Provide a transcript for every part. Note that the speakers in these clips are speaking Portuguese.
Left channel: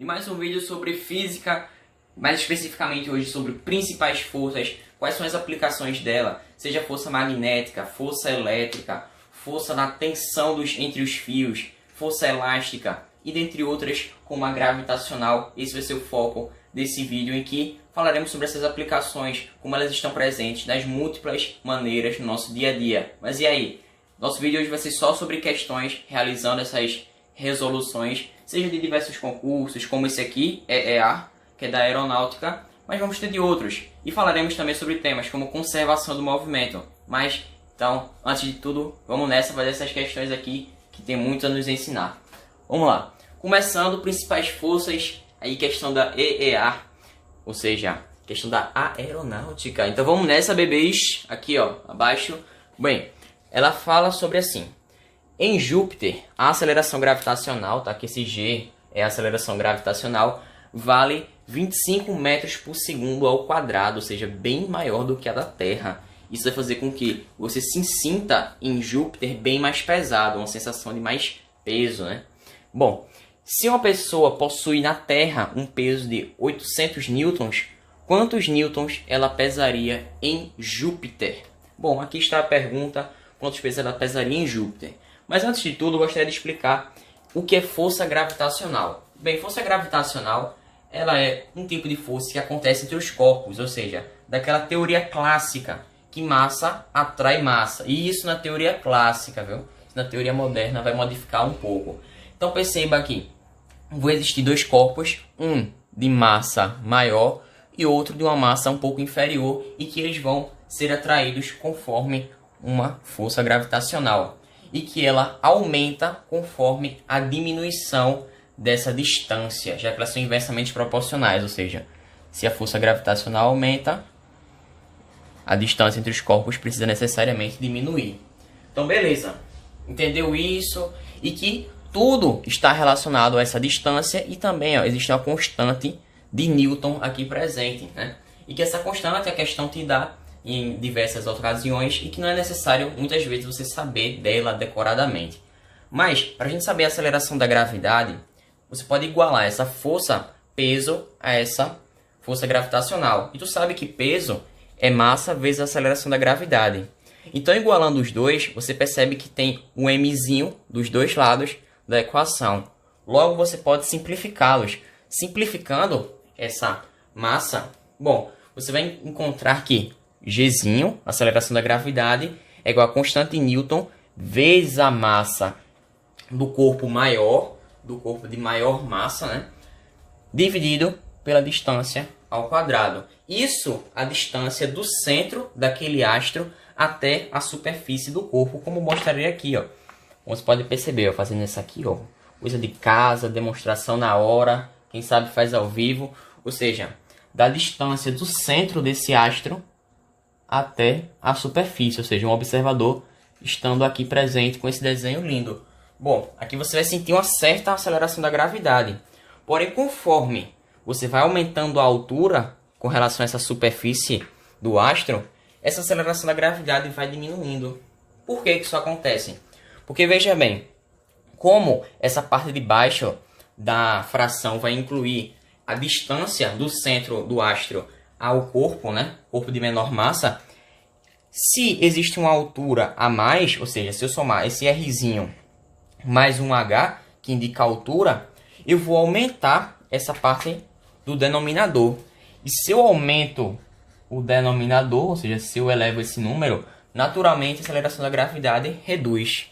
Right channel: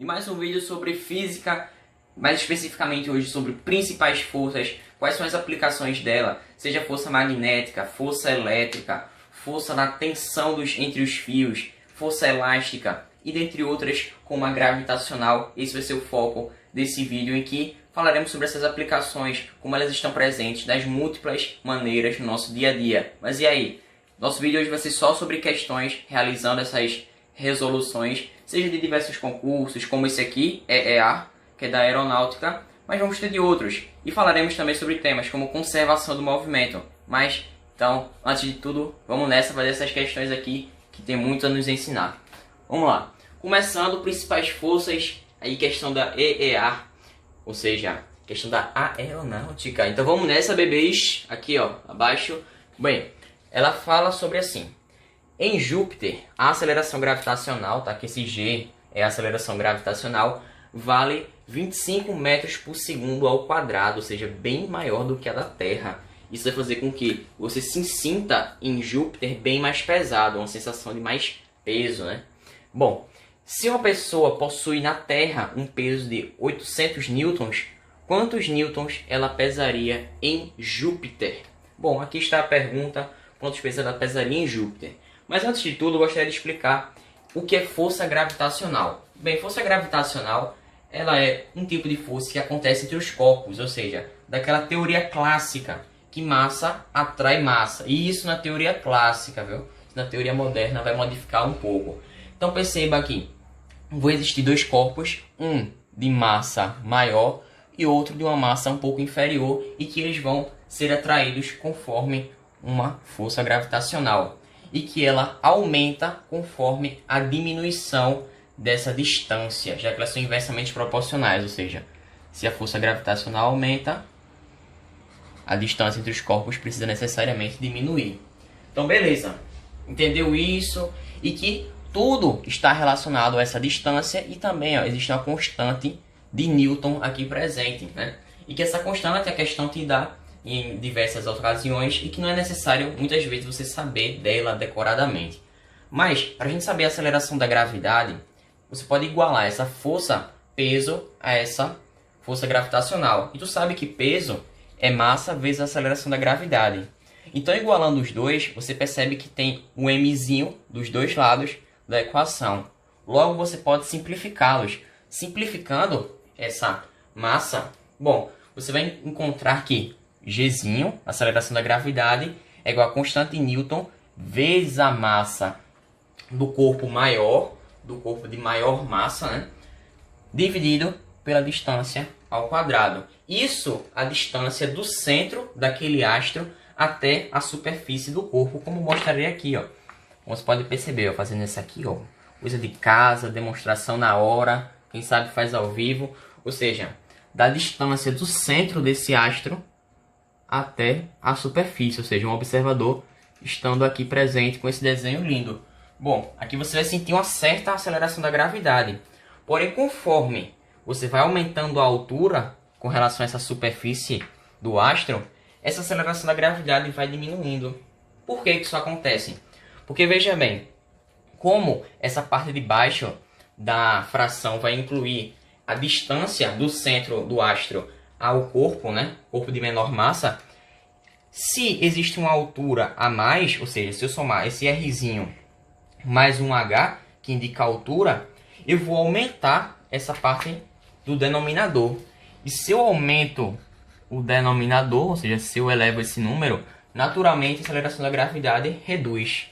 E mais um vídeo sobre física, mais especificamente hoje sobre principais forças, quais são as aplicações dela, seja força magnética, força elétrica, força na tensão entre os fios, força elástica e dentre outras como a gravitacional. Esse vai ser o foco desse vídeo em que falaremos sobre essas aplicações, como elas estão presentes nas múltiplas maneiras no nosso dia a dia. Mas e aí? Nosso vídeo hoje vai ser só sobre questões, realizando essas resoluções, seja de diversos concursos, como esse aqui, EEA, que é da aeronáutica, mas vamos ter de outros. E falaremos também sobre temas como conservação do movimento. Mas, então, antes de tudo, vamos nessa fazer essas questões aqui, que tem muito a nos ensinar. Vamos lá. Começando, principais forças, aí questão da EEA, ou seja, questão da aeronáutica. Então vamos nessa, bebês. Aqui, ó, abaixo. Bem, ela fala sobre assim. Em Júpiter, a aceleração gravitacional, tá? Que esse G é a aceleração gravitacional, vale 25 metros por segundo ao quadrado, ou seja, bem maior do que a da Terra. Isso vai fazer com que você se sinta em Júpiter bem mais pesado, uma sensação de mais peso, né? Bom, se uma pessoa possui na Terra um peso de 800 newtons, quantos newtons ela pesaria em Júpiter? Bom, aqui está a pergunta, quantos pesos ela pesaria em Júpiter? Mas antes de tudo, eu gostaria de explicar o que é força gravitacional. Bem, força gravitacional ela é um tipo de força que acontece entre os corpos, ou seja, daquela teoria clássica, que massa atrai massa. E isso na teoria clássica, viu? Na teoria moderna vai modificar um pouco. Então perceba aqui, vão existir dois corpos, um de massa maior e outro de uma massa um pouco inferior, e que eles vão ser atraídos conforme uma força gravitacional, e que ela aumenta conforme a diminuição dessa distância, já que elas são inversamente proporcionais, ou seja, se a força gravitacional aumenta, a distância entre os corpos precisa necessariamente diminuir. Então beleza, entendeu isso? E que tudo está relacionado a essa distância, e também ó, existe uma constante de Newton aqui presente, né? E que essa constante a questão te dá em diversas ocasiões e que não é necessário muitas vezes você saber dela decoradamente. Mas para a gente saber a aceleração da gravidade, você pode igualar essa força peso a essa força gravitacional. E tu sabe que peso é massa vezes a aceleração da gravidade. Então igualando os dois, você percebe que tem um mzinho dos dois lados da equação. Logo você pode simplificá-los. Simplificando essa massa, bom, você vai encontrar que Gzinho, aceleração da gravidade, é igual a constante de Newton vezes a massa do corpo maior, do corpo de maior massa, né? Dividido pela distância ao quadrado. Isso a distância do centro daquele astro até a superfície do corpo, como mostrarei aqui, ó. Como você pode perceber, ó, fazendo isso aqui, ó, coisa de casa, demonstração na hora, quem sabe faz ao vivo, ou seja, da distância do centro desse astro até a superfície, ou seja, um observador estando aqui presente com esse desenho lindo. Bom, aqui você vai sentir uma certa aceleração da gravidade. Porém, conforme você vai aumentando a altura com relação a essa superfície do astro, essa aceleração da gravidade vai diminuindo. Por que isso acontece? Porque veja bem, como essa parte de baixo da fração vai incluir a distância do centro do astro ao corpo, né? Corpo de menor massa. Se existe uma altura a mais, ou seja, se eu somar esse Rzinho mais um H, que indica a altura, eu vou aumentar essa parte do denominador. E se eu aumento o denominador, ou seja, se eu elevo esse número, naturalmente a aceleração da gravidade reduz,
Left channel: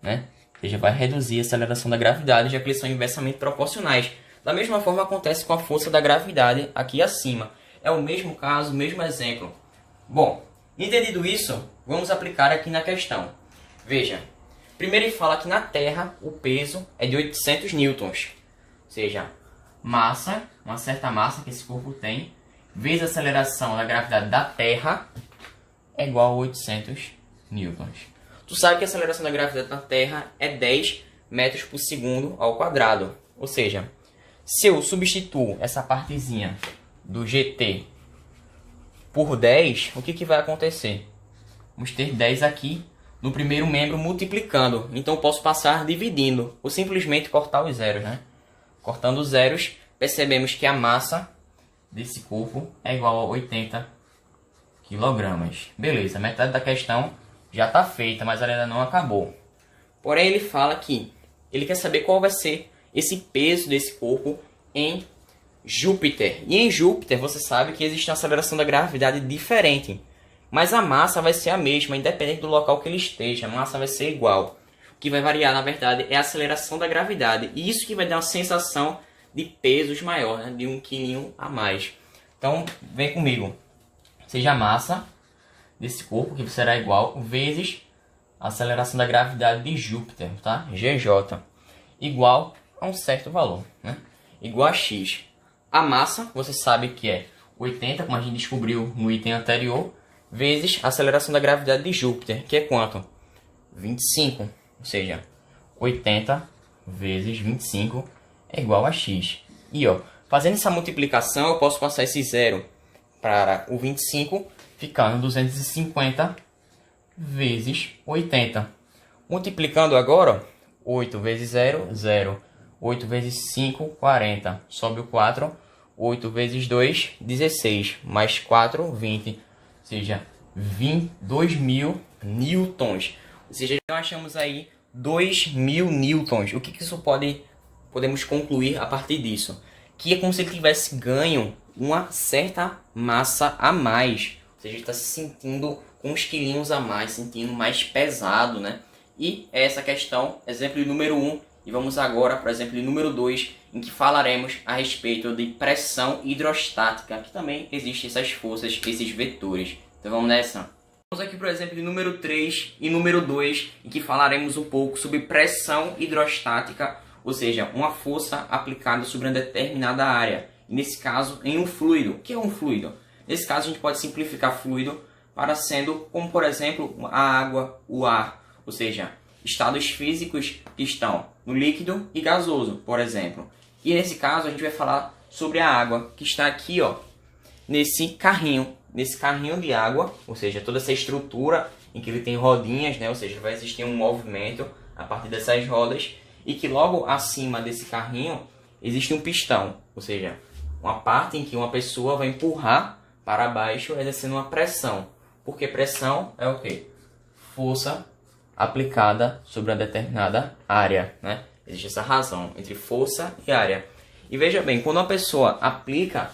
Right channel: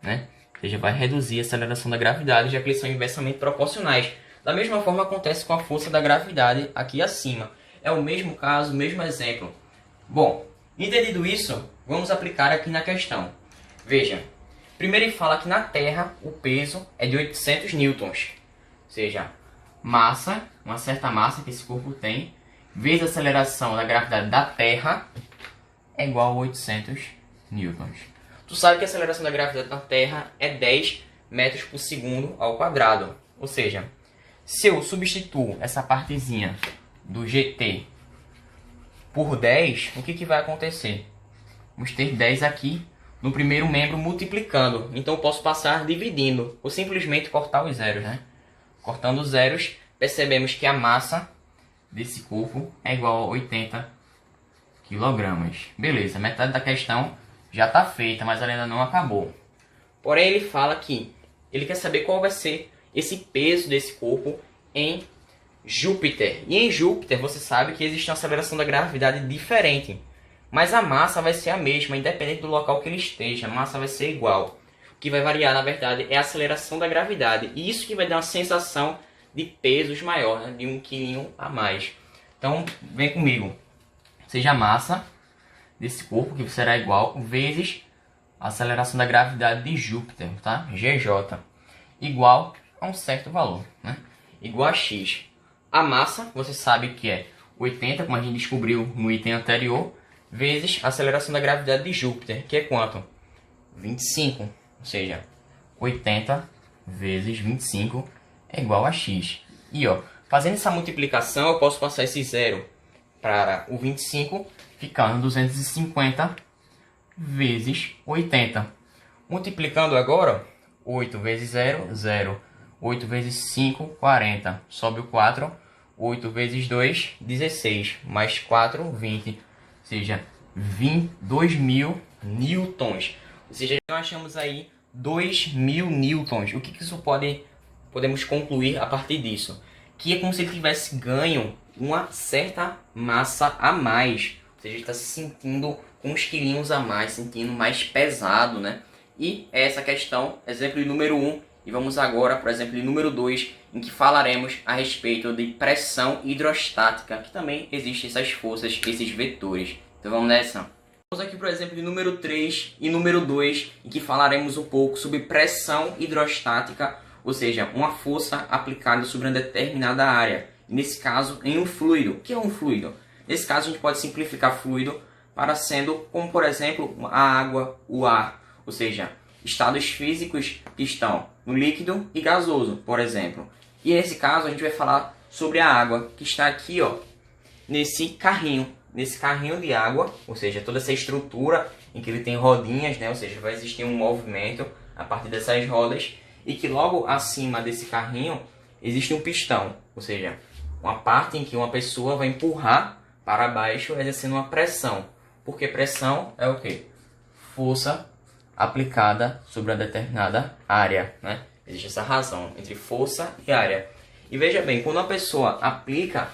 né? Ou seja, vai reduzir a aceleração da gravidade, já que eles são inversamente proporcionais. Da mesma forma acontece com a força da gravidade aqui acima. É o mesmo caso, o mesmo exemplo. Bom, entendido isso, vamos aplicar aqui na questão. Veja, primeiro ele fala que na Terra o peso é de 800 newtons. Ou seja, massa, uma certa massa que esse corpo tem, vezes a aceleração da gravidade da Terra é igual a 800 newtons. Tu sabe que a aceleração da gravidade da Terra é 10 metros por segundo ao quadrado. Ou seja, se eu substituo essa partezinha do GT por 10, o que vai acontecer? Vamos ter 10 aqui no primeiro membro multiplicando. Então eu posso passar dividindo, ou simplesmente cortar os zeros, né? Cortando os zeros, percebemos que a massa desse corpo é igual a 80 kg. Beleza, metade da questão já está feita, mas ela ainda não acabou. Porém, ele fala que ele quer saber qual vai ser esse peso desse corpo em Júpiter. E em Júpiter, você sabe que existe uma aceleração da gravidade diferente. Mas a massa vai ser a mesma, independente do local que ele esteja. A massa vai ser igual. O que vai variar, na verdade, é a aceleração da gravidade. E isso que vai dar uma sensação de pesos maior, né? De 1 kg a mais. Então, vem comigo. Seja a massa desse corpo, que será igual, vezes a aceleração da gravidade de Júpiter, tá? GJ. Igual a um certo valor, né? Igual a X. A massa, você sabe que é 80, como a gente descobriu no item anterior, vezes a aceleração da gravidade de Júpiter, que é quanto? 25. Ou seja, 80 vezes 25 é igual a X. E ó, fazendo essa multiplicação, eu posso passar esse zero para o 25, ficando 250 vezes 80. Multiplicando agora, 8 vezes 0, 0. 8 vezes 5, 40. Sobe o 4. 8 vezes 2, 16. Mais 4, 20. Ou seja, 2.000 newtons. Ou seja, nós achamos aí 2.000 newtons. O que isso podemos concluir a partir disso? Que é como se ele tivesse ganho uma certa massa a mais. Ou seja, ele está se sentindo com uns quilinhos a mais, sentindo mais pesado, né? E essa questão, exemplo número 1, e vamos agora para o exemplo número 2, em que falaremos a respeito de pressão hidrostática, que também existem essas forças, esses vetores. Então vamos nessa. Vamos aqui para o exemplo número 3 e número 2, em que falaremos um pouco sobre pressão hidrostática, ou seja, uma força aplicada sobre uma determinada área. E nesse caso, em um fluido. O que é um fluido? Nesse caso, a gente pode simplificar fluido para sendo como, por exemplo, a água, o ar. Ou seja, estados físicos que estão no líquido e gasoso, por exemplo. E nesse caso, a gente vai falar sobre a água, que está aqui, ó, nesse carrinho de água, ou seja, toda essa estrutura em que ele tem rodinhas, né? Ou seja, vai existir um movimento a partir dessas rodas, e que logo acima desse carrinho existe um pistão, ou seja, uma parte em que uma pessoa vai empurrar para baixo exercendo uma pressão. Porque pressão é o quê? Força aplicada sobre uma determinada área, né? Existe essa razão entre força e área. E veja bem, quando uma pessoa aplica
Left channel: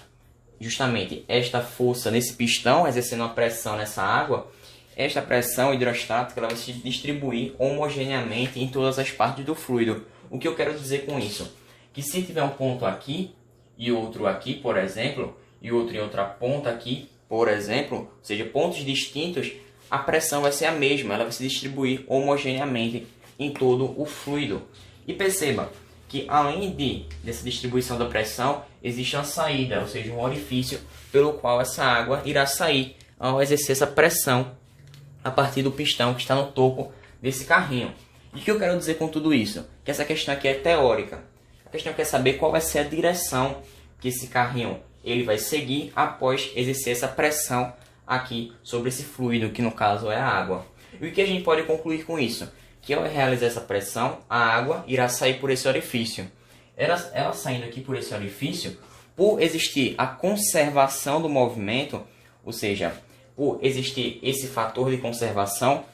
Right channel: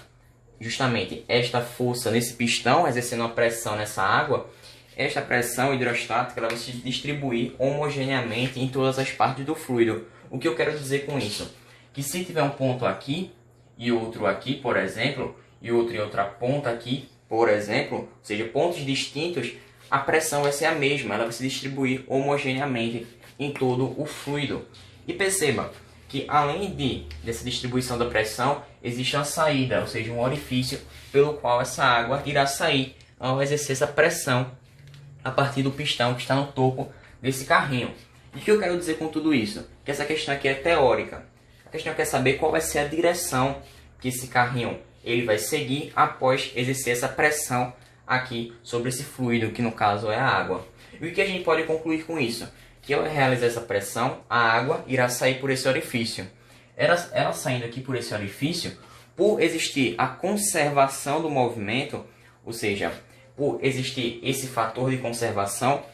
justamente esta força nesse pistão, exercendo uma pressão nessa água, esta pressão hidrostática ela vai se distribuir homogeneamente em todas as partes do fluido. O que eu quero dizer com isso? Que se tiver um ponto aqui e outro aqui, por exemplo, e outro em outra ponta aqui, por exemplo, ou seja, pontos distintos, a pressão vai ser a mesma, ela vai se distribuir homogeneamente em todo o fluido. E perceba que além dessa distribuição da pressão, existe uma saída, ou seja, um orifício pelo qual essa água irá sair ao exercer essa pressão a partir do pistão que está no topo desse carrinho. E o que eu quero dizer com tudo isso? Que essa questão aqui é teórica. A questão quer saber qual vai ser a direção que esse carrinho ele vai seguir após exercer essa pressão aqui sobre esse fluido, que no caso é a água. E o que a gente pode concluir com isso? Que ao realizar essa pressão, a água irá sair por esse orifício. Ela saindo aqui por esse orifício, por existir a conservação do movimento, ou seja, por existir esse fator de conservação,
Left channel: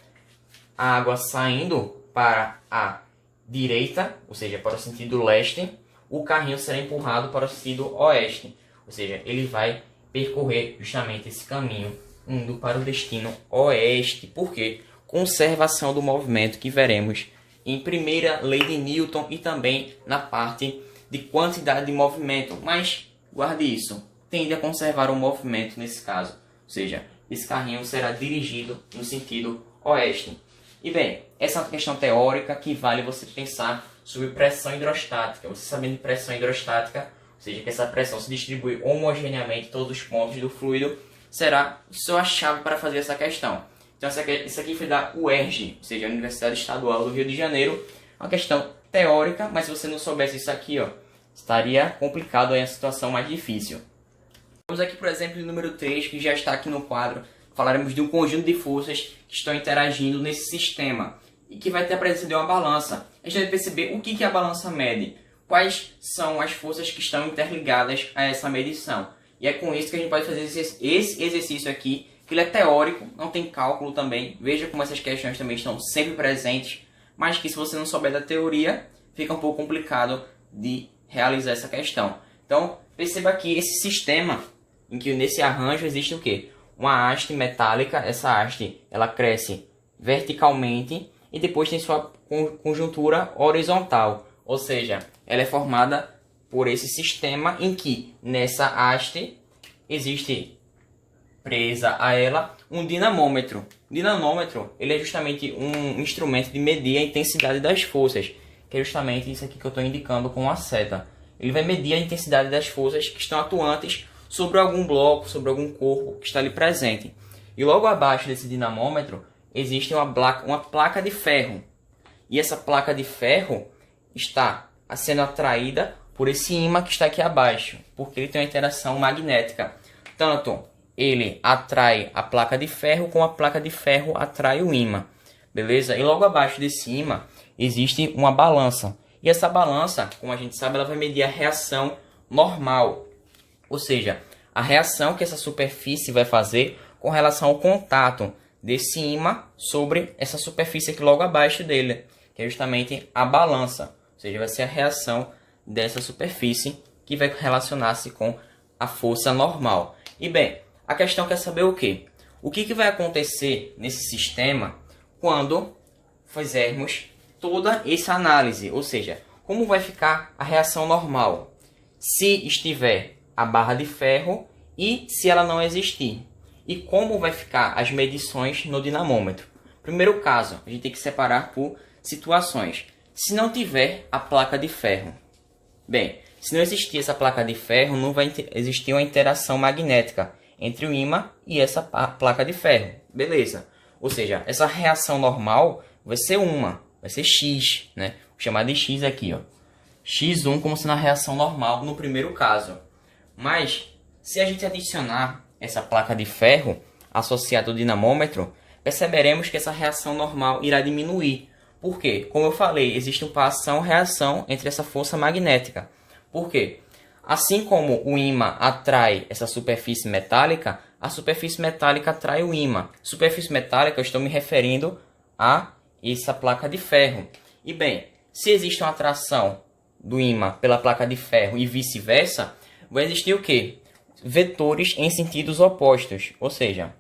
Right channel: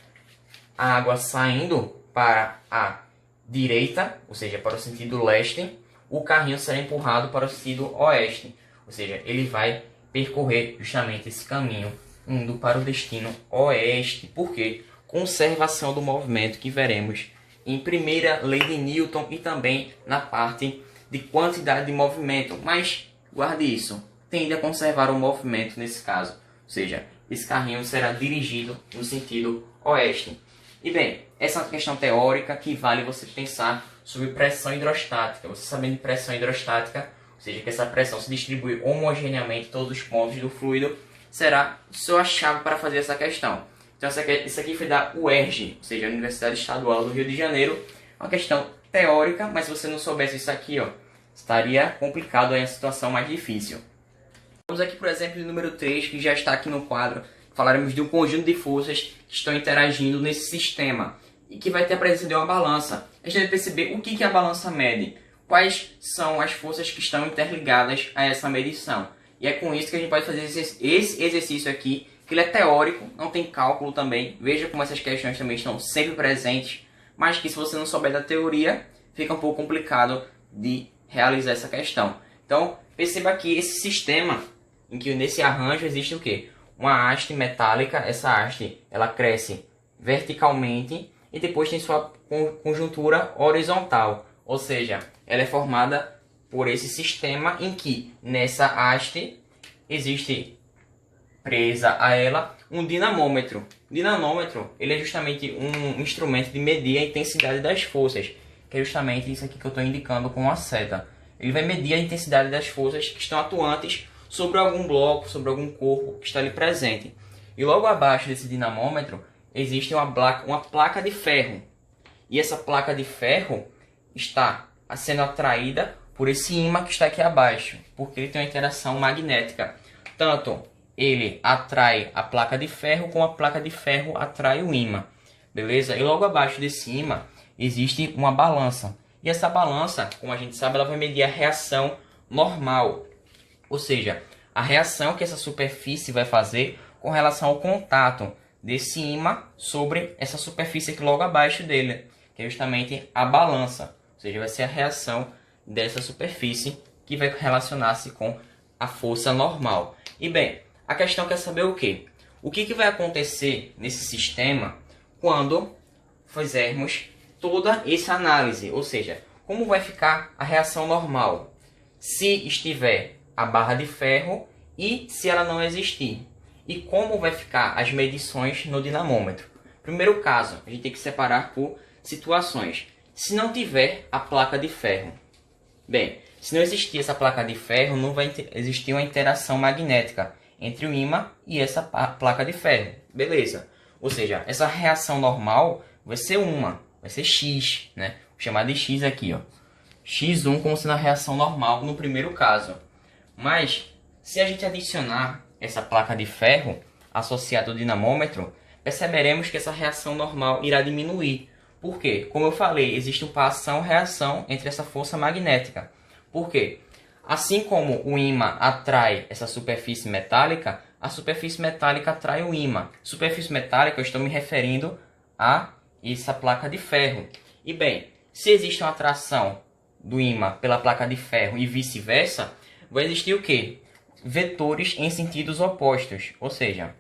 a água saindo para a direita, ou seja, para o sentido leste, o carrinho será empurrado para o sentido oeste. Ou seja, ele vai percorrer justamente esse caminho indo para o destino oeste. Por quê? Conservação do movimento que veremos em primeira lei de Newton e também na parte de quantidade de movimento. Mas guarde isso, tende a conservar o movimento nesse caso. Ou seja, esse carrinho será dirigido no sentido oeste. E bem, essa é uma questão teórica que vale você pensar sobre pressão hidrostática. Você sabendo de pressão hidrostática, ou seja, que essa pressão se distribui homogeneamente em todos os pontos do fluido, será sua chave para fazer essa questão. Então, isso aqui foi da UERJ, ou seja, a Universidade Estadual do Rio de Janeiro. Uma questão teórica, mas se você não soubesse isso aqui, ó, estaria complicado aí a situação mais difícil. Vamos aqui para o exemplo número 3, que já está aqui no quadro. Falaremos de um conjunto de forças que estão interagindo nesse sistema e que vai ter a presença de uma balança. A gente vai perceber o que a balança mede. quais são as forças que estão interligadas a essa medição. E é com isso que a gente pode fazer esse exercício aqui, que ele é teórico, não tem cálculo também. Veja como essas questões também estão sempre presentes, mas que se você não souber da teoria, fica um pouco complicado de realizar essa questão. Então, perceba aqui esse sistema, em que nesse arranjo existe o quê? Uma haste metálica, essa haste ela cresce verticalmente e depois tem sua conjuntura horizontal, ou seja, ela é formada por esse sistema em que nessa haste existe presa a ela um dinamômetro. O dinamômetro ele é justamente um instrumento de medir a intensidade das forças, que é justamente isso aqui que eu estou indicando com a seta. Ele vai medir a intensidade das forças que estão atuantes sobre algum bloco, sobre algum corpo que está ali presente. E logo abaixo desse dinamômetro existe uma placa de ferro. E essa placa de ferro está sendo atraída por esse ímã que está aqui abaixo, porque ele tem uma interação magnética. Tanto ele atrai a placa de ferro, como a placa de ferro atrai o ímã. Beleza? E logo abaixo desse ímã existe uma balança. E essa balança, como a gente sabe, ela vai medir a reação normal. Ou seja, a reação que essa superfície vai fazer com relação ao contato desse ímã sobre essa superfície aqui logo abaixo dele, que é justamente a balança. Ou seja, vai ser a reação dessa superfície que vai relacionar-se com a força normal. E bem, a questão quer saber o quê? O que vai acontecer nesse sistema quando fizermos toda essa análise? Ou seja, como vai ficar a reação normal se estiver a barra de ferro e se ela não existir? E como vai ficar as medições no dinamômetro? Primeiro caso, a gente tem que separar por situações. Se não tiver a placa de ferro, bem, se não existir essa placa de ferro, não vai existir uma interação magnética entre o ímã e essa placa de ferro. Beleza. Ou seja, essa reação normal vai ser vai ser X, né? Vou chamar de X aqui, ó. X1 como sendo a reação normal no primeiro caso. Mas, se a gente adicionar essa placa de ferro associada ao dinamômetro, perceberemos que essa reação normal irá diminuir. Por quê? Como eu falei, existe uma ação-reação entre essa força magnética. Por quê? Assim como o ímã atrai essa superfície metálica, a superfície metálica atrai o ímã. Superfície metálica, eu estou me referindo a essa placa de ferro. E bem, se existe uma atração do ímã pela placa de ferro e vice-versa, vai existir o quê? Vetores em sentidos opostos. Ou seja,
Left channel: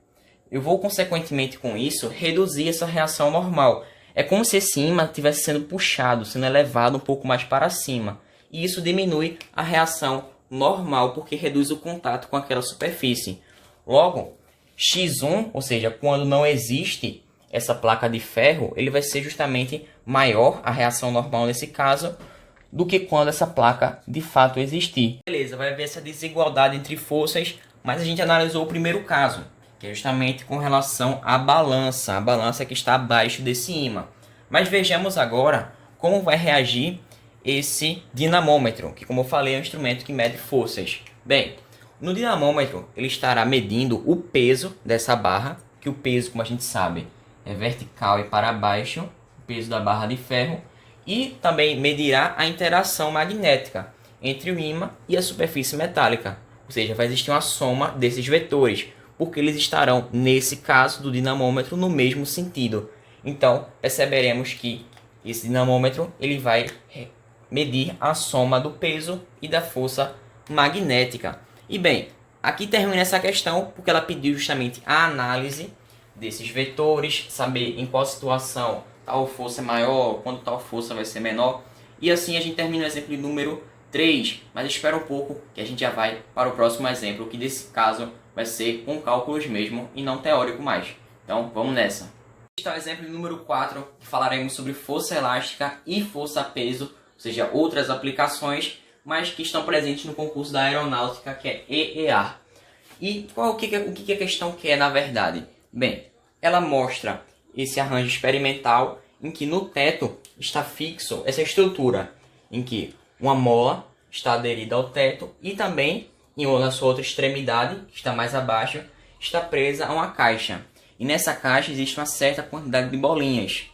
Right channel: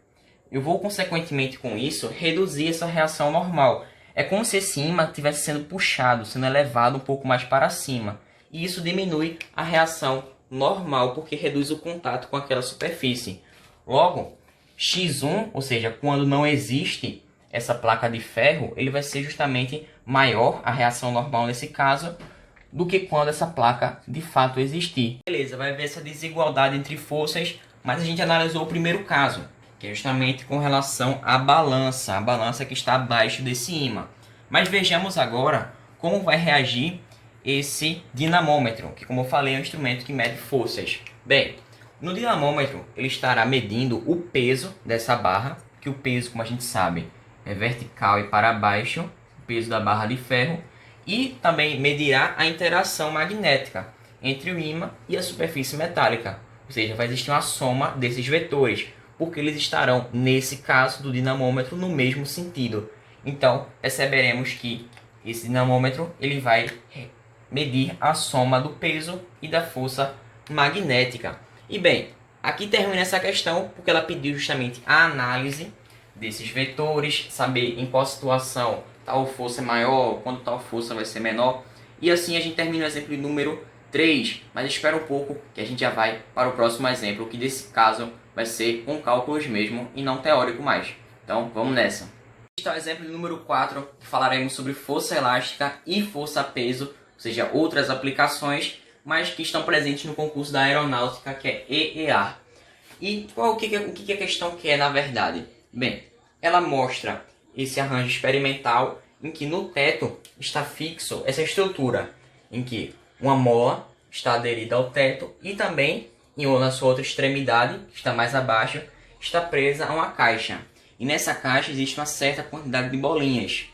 eu vou consequentemente com isso reduzir essa reação normal. É como se esse ímã estivesse sendo puxado, sendo elevado um pouco mais para cima. E isso diminui a reação normal, porque reduz o contato com aquela superfície. Logo, X1, ou seja, quando não existe essa placa de ferro, ele vai ser justamente maior, a reação normal nesse caso, do que quando essa placa de fato existir. Beleza, vai haver essa desigualdade entre forças, mas a gente analisou o primeiro caso, que é justamente com relação à balança, a balança que está abaixo desse ímã. Mas vejamos agora como vai reagir esse dinamômetro, que como eu falei é um instrumento que mede forças. Bem, no dinamômetro ele estará medindo o peso dessa barra, que o peso, como a gente sabe, é vertical e para baixo, o peso da barra de ferro, e também medirá a interação magnética entre o ímã e a superfície metálica. Ou seja, vai existir uma soma desses vetores, porque eles estarão, nesse caso do dinamômetro, no mesmo sentido. Então, perceberemos que esse dinamômetro ele vai medir a soma do peso e da força magnética. E bem, aqui termina essa questão, porque ela pediu justamente a análise desses vetores, saber em qual situação tal força é maior, quando tal força vai ser menor. E assim a gente termina o exemplo número 3, mas espera um pouco que a gente já vai para o próximo exemplo, que desse caso vai ser com cálculos mesmo e não teórico mais. Então vamos nessa. Este é o exemplo número 4, que falaremos sobre força elástica e força-peso, ou seja, outras aplicações, mas que estão presentes no concurso da aeronáutica, que é EEA. E o que a questão quer na verdade? Bem, ela mostra esse arranjo experimental em que no teto está fixo essa estrutura, em que uma mola está aderida ao teto e também, na sua outra extremidade, que está mais abaixo, está presa a uma caixa. E nessa caixa existe uma certa quantidade de bolinhas.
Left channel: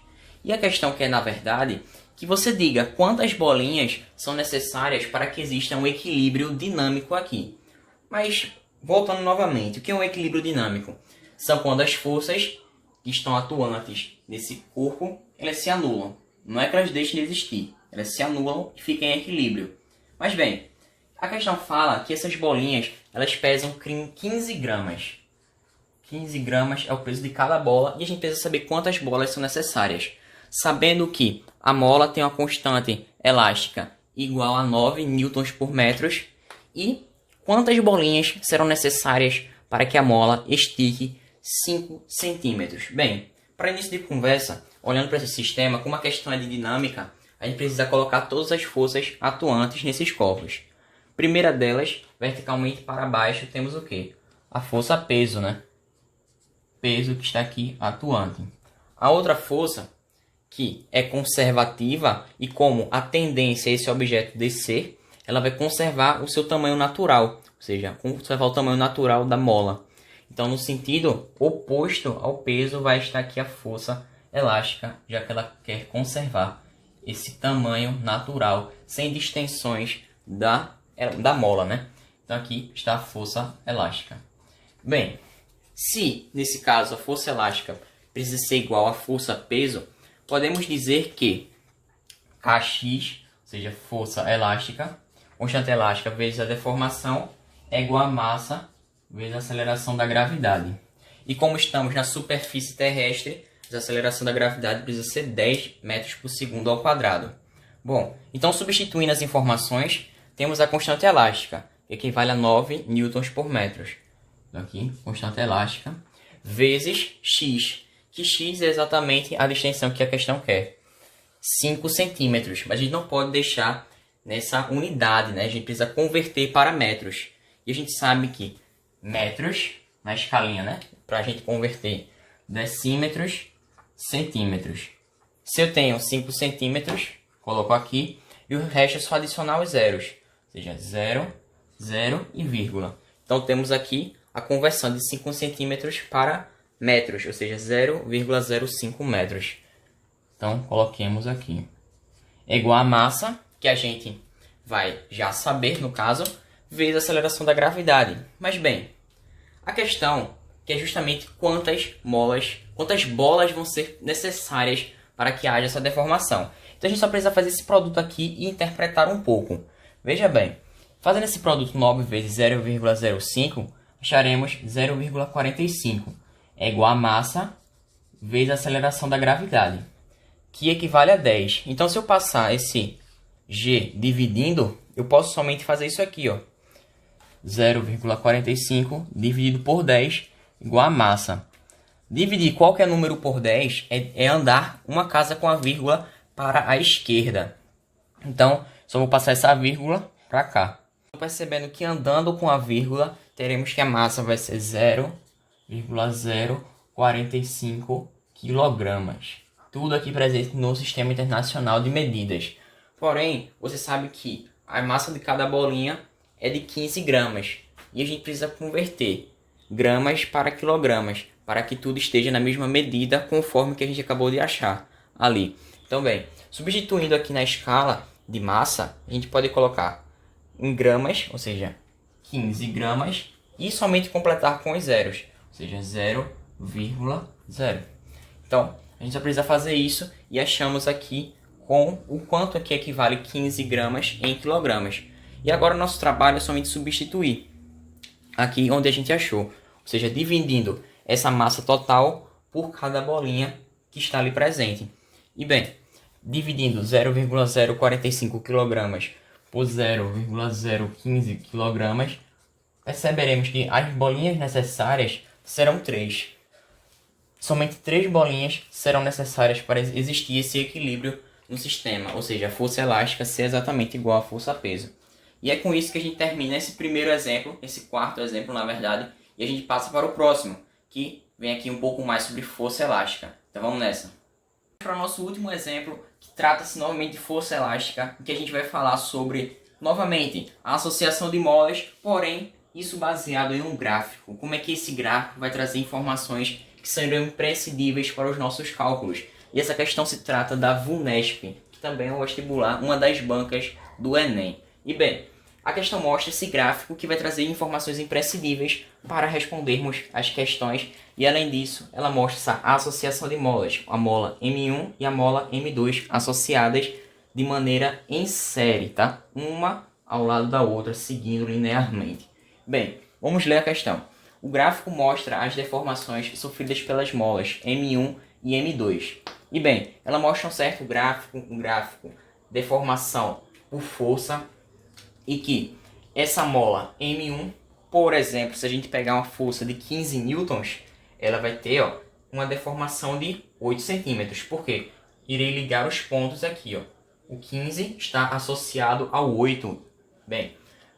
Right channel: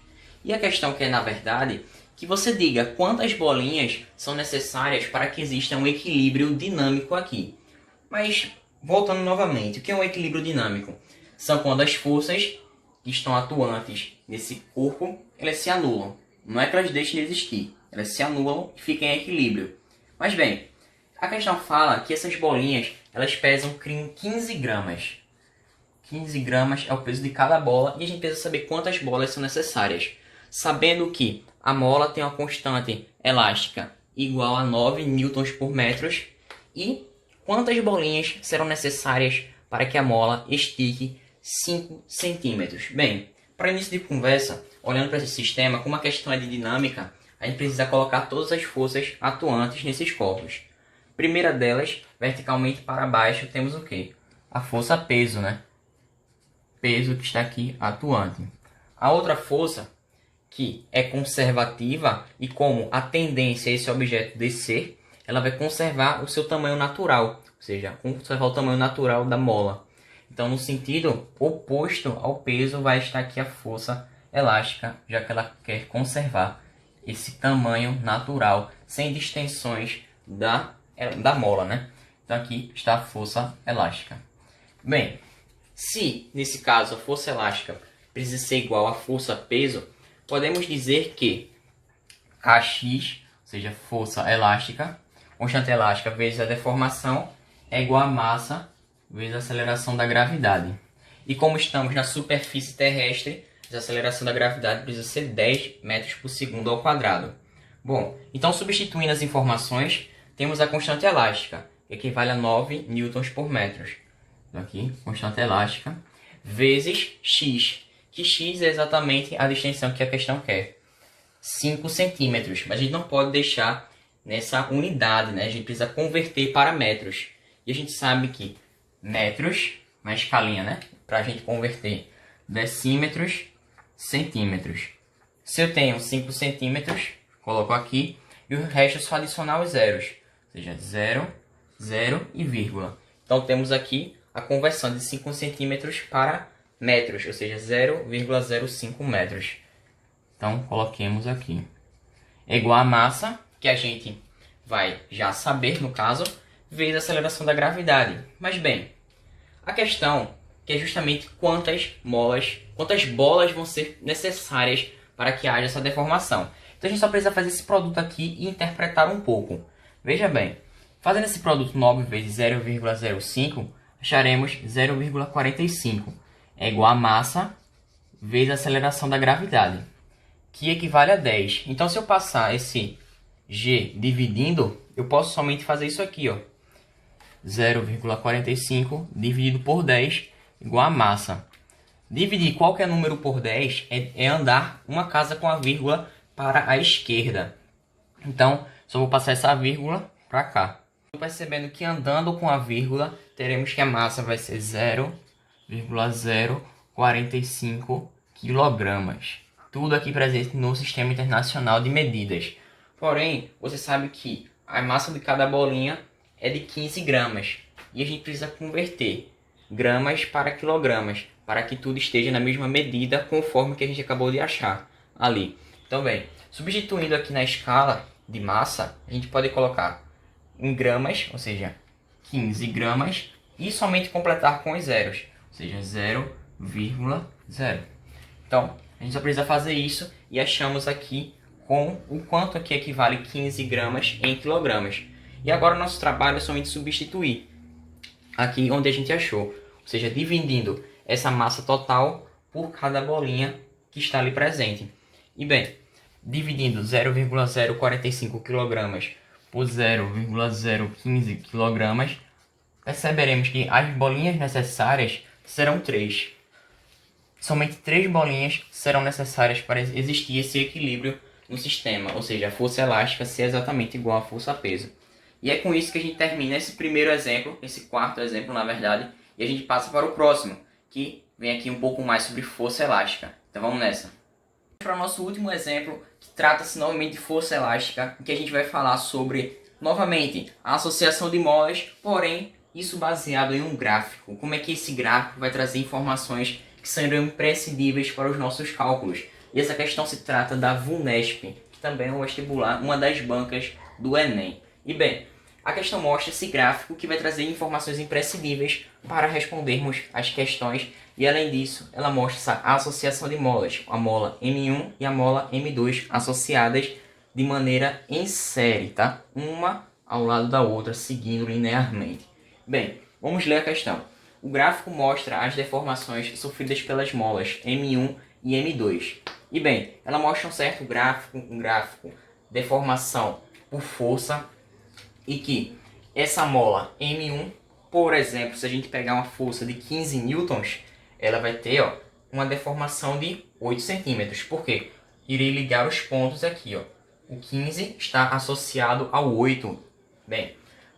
E a questão que é, na verdade, que você diga quantas bolinhas são necessárias para que exista um equilíbrio dinâmico aqui. Mas, voltando novamente, o que é um equilíbrio dinâmico? São quando as forças que estão atuantes nesse corpo, elas se anulam. Não é que elas deixem de existir, elas se anulam e ficam em equilíbrio. Mas bem, a questão fala que essas bolinhas, elas pesam 15 gramas. 15 gramas é o peso de cada bola e a gente precisa saber quantas bolas são necessárias. Sabendo que a mola tem uma constante elástica igual a 9 newtons por metro e quantas bolinhas serão necessárias para que a mola estique 5 centímetros. Bem, para início de conversa, olhando para esse sistema, como a questão é de dinâmica, a gente precisa colocar todas as forças atuantes nesses corpos. Primeira delas, verticalmente para baixo, temos o quê? A força peso, né? Peso que está aqui atuante. A outra força, que é conservativa, e como a tendência é esse objeto descer, ela vai conservar o seu tamanho natural, ou seja, conservar o tamanho natural da mola. Então, no sentido oposto ao peso, vai estar aqui a força elástica, já que ela quer conservar esse tamanho natural, sem distensões da mola, né? Então, aqui está a força elástica. Bem, se, nesse caso, a força elástica precisa ser igual à força peso, podemos dizer que Kx, ou seja, força elástica, constante elástica vezes a deformação, é igual a massa vezes a aceleração da gravidade. E como estamos na superfície terrestre, a aceleração da gravidade precisa ser 10 metros por segundo ao quadrado. Bom, então substituindo as informações, temos a constante elástica, que equivale a 9 newtons por metro. Então aqui, constante elástica, vezes x, que x é exatamente a distensão que a questão quer. 5 centímetros, mas a gente não pode deixar nessa unidade, né? A gente precisa converter para metros. E a gente sabe que metros, na escalinha, né? Para a gente converter decímetros, centímetros. Se eu tenho 5 centímetros, coloco aqui, e o resto é só adicionar os zeros. Ou seja, 0, 0 e vírgula. Então temos aqui a conversão de 5 centímetros para metros, ou seja, 0,05 metros. Então coloquemos aqui. É igual a massa, que a gente vai já saber no caso, vezes a aceleração da gravidade. Mas bem, a questão que é justamente quantas bolas vão ser necessárias para que haja essa deformação. Então a gente só precisa fazer esse produto aqui e interpretar um pouco. Veja bem, fazendo esse produto 9 vezes 0,05, acharemos 0,45. É igual a massa vezes a aceleração da gravidade, que equivale a 10. Então se eu passar esse G dividindo, eu posso somente fazer isso aqui, ó. 0,45 dividido por 10 igual a massa. Dividir qualquer número por 10 é andar uma casa com a vírgula para a esquerda. Então, só vou passar essa vírgula para cá. Percebendo que andando com a vírgula, teremos que a massa vai ser 0,045 kg. Tudo aqui presente no Sistema Internacional de Medidas. Porém, você sabe que a massa de cada bolinha é de 15 gramas. E a gente precisa converter gramas para quilogramas, para que tudo esteja na mesma medida conforme que a gente acabou de achar ali. Então, bem, substituindo aqui na escala de massa, a gente pode colocar em gramas, ou seja, 15 gramas, e somente completar com os zeros, ou seja, 0,0. Então, a gente só precisa fazer isso e achamos aqui com o quanto aqui equivale 15 gramas em quilogramas. E agora o nosso trabalho é somente substituir aqui onde a gente achou, ou seja, dividindo essa massa total por cada bolinha que está ali presente. E bem, dividindo 0,045 kg por 0,015 kg, perceberemos que as bolinhas necessárias serão 3. Somente 3 bolinhas serão necessárias para existir esse equilíbrio no sistema, ou seja, a força elástica ser exatamente igual à força peso. E é com isso que a gente termina esse primeiro exemplo, esse quarto exemplo na verdade, e a gente passa para o próximo, que vem aqui um pouco mais sobre força elástica. Então vamos nessa. Para o nosso último exemplo, que trata-se novamente de força elástica, em que a gente vai falar sobre, novamente, a associação de molas, porém, isso baseado em um gráfico. Como é que esse gráfico vai trazer informações que serão imprescindíveis para os nossos cálculos. E essa questão se trata da VUNESP, que também é um vestibular, uma das bancas do Enem. E bem, a questão mostra esse gráfico que vai trazer informações imprescindíveis para respondermos as questões. E além disso, ela mostra essa associação de molas, a mola M1 e a mola M2 associadas de maneira em série, tá? Uma ao lado da outra, seguindo linearmente. Bem, vamos ler a questão. O gráfico mostra as deformações sofridas pelas molas M1 e M2. E bem, ela mostra um certo gráfico, deformação por força, e que essa mola M1, por exemplo, se a gente pegar uma força de 15 newtons, ela vai ter uma deformação de 8 centímetros. Por quê? Irei ligar os pontos aqui. O 15 está associado ao 8. Bem,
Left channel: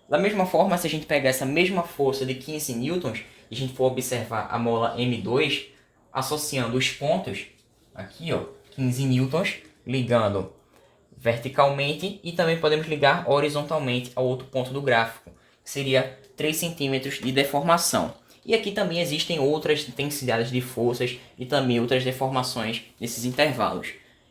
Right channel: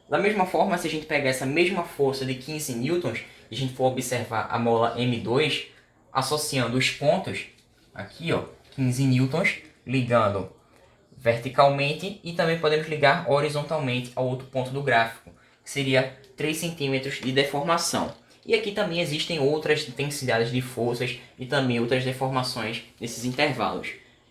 da mesma forma, se a gente pegar essa mesma força de 15 newtons e a gente for observar a mola M2, associando os pontos, aqui 15 newtons, ligando verticalmente, e também podemos ligar horizontalmente ao outro ponto do gráfico, que seria 3 centímetros de deformação. E aqui também existem outras intensidades de forças e também outras deformações nesses intervalos.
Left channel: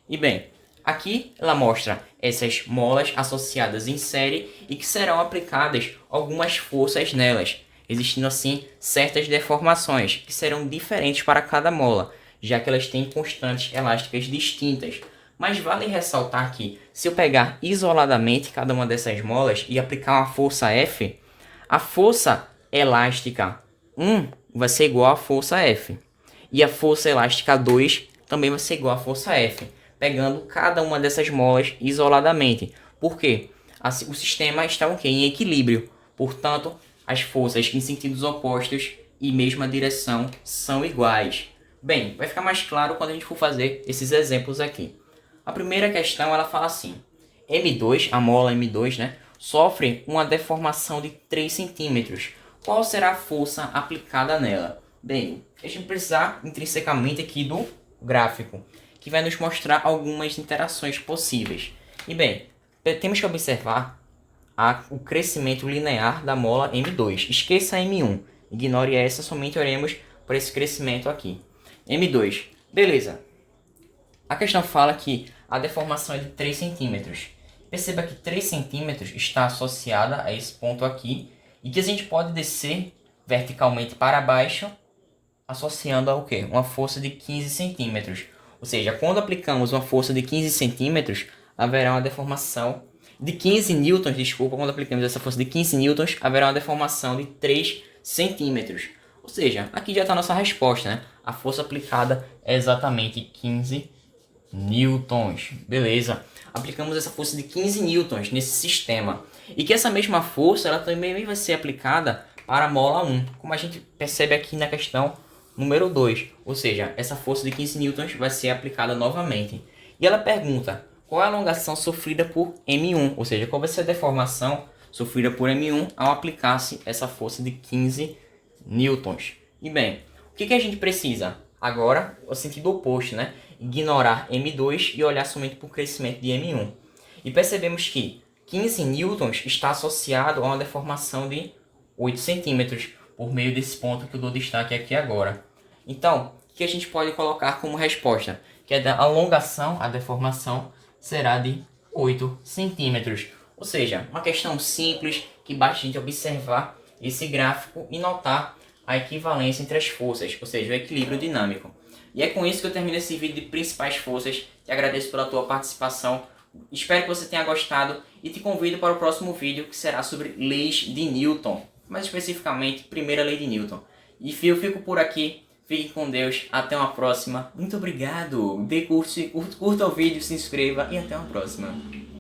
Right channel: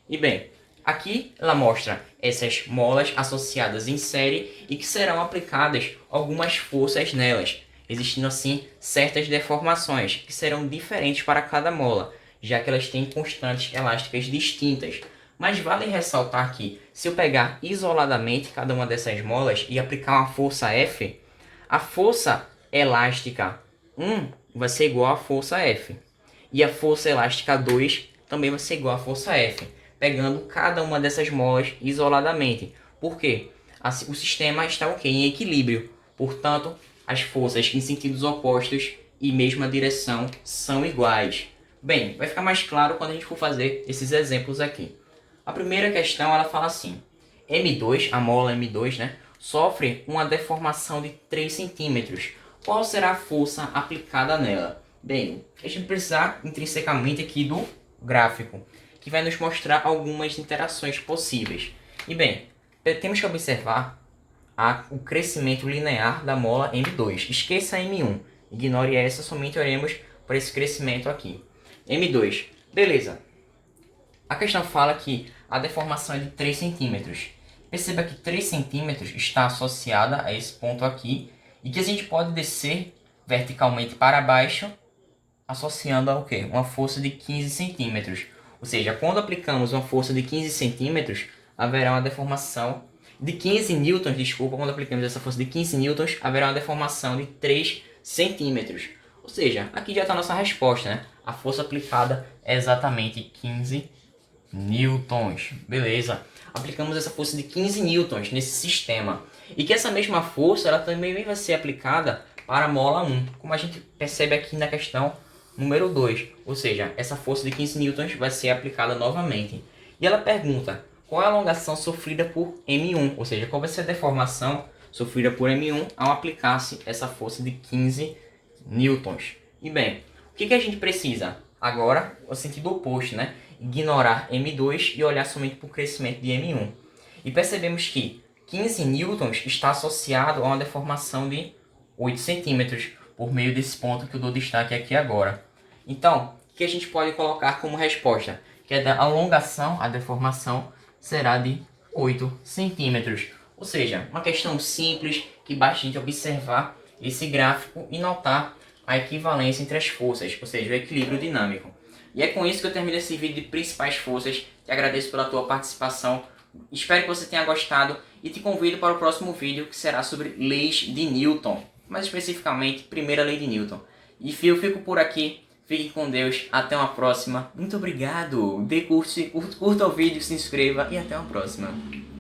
E bem, aqui ela mostra essas molas associadas em série e que serão aplicadas algumas forças nelas, existindo assim certas deformações que serão diferentes para cada mola, já que elas têm constantes elásticas distintas. Mas vale ressaltar que, se eu pegar isoladamente cada uma dessas molas e aplicar uma força F, a força elástica 1 vai ser igual à força F. E a força elástica 2 também vai ser igual à força F, pegando cada uma dessas molas isoladamente. Por quê? O sistema está em equilíbrio. Portanto, as forças em sentidos opostos e mesma direção são iguais. Bem, vai ficar mais claro quando a gente for fazer esses exemplos aqui. A primeira questão, ela fala assim: M2, a mola M2, sofre uma deformação de 3 centímetros. Qual será a força aplicada nela? Bem, a gente precisa intrinsecamente aqui do gráfico, que vai nos mostrar algumas interações possíveis. E bem, temos que observar o crescimento linear da mola M2. Esqueça a M1, ignore essa, somente olhemos para esse crescimento aqui. M2, beleza. A questão fala que a deformação é de 3 centímetros. Perceba que 3 centímetros está associada a esse ponto aqui, e que a gente pode descer verticalmente para baixo, associando a uma força de 15 centímetros. Ou seja, quando aplicamos uma força de 15 centímetros, haverá uma deformação de 15 newtons, quando aplicamos essa força de 15 newtons, haverá uma deformação de 3 centímetros. Ou seja, aqui já está a nossa resposta, A força aplicada é exatamente 15 newtons. Beleza. Aplicamos essa força de 15 newtons nesse sistema. E que essa mesma força ela também vai ser aplicada para a mola 1, como a gente percebe aqui na questão número 2. Ou seja, essa força de 15 newtons vai ser aplicada novamente. E ela pergunta qual é a alongação sofrida por M1, ou seja, qual vai ser a deformação sofrida por M1 ao aplicar-se essa força de 15 newtons. E bem, o que a gente precisa? Agora, o sentido oposto, Ignorar M2 e olhar somente para o crescimento de M1. E percebemos que 15 newtons está associado a uma deformação de 8 centímetros, por meio desse ponto que eu dou destaque aqui agora. Então, o que a gente pode colocar como resposta? Que a alongação, a deformação, será de 8 centímetros. Ou seja, uma questão simples que basta a gente observar esse gráfico e notar a equivalência entre as forças, ou seja, o equilíbrio dinâmico. E é com isso que eu termino esse vídeo de principais forças. Te agradeço pela tua participação. Espero que você tenha gostado e te convido para o próximo vídeo, que será sobre leis de Newton. Mais especificamente, primeira lei de Newton. E eu fico por aqui. Fique com Deus. Até uma próxima. Muito obrigado. Curta o vídeo, se inscreva e até uma próxima.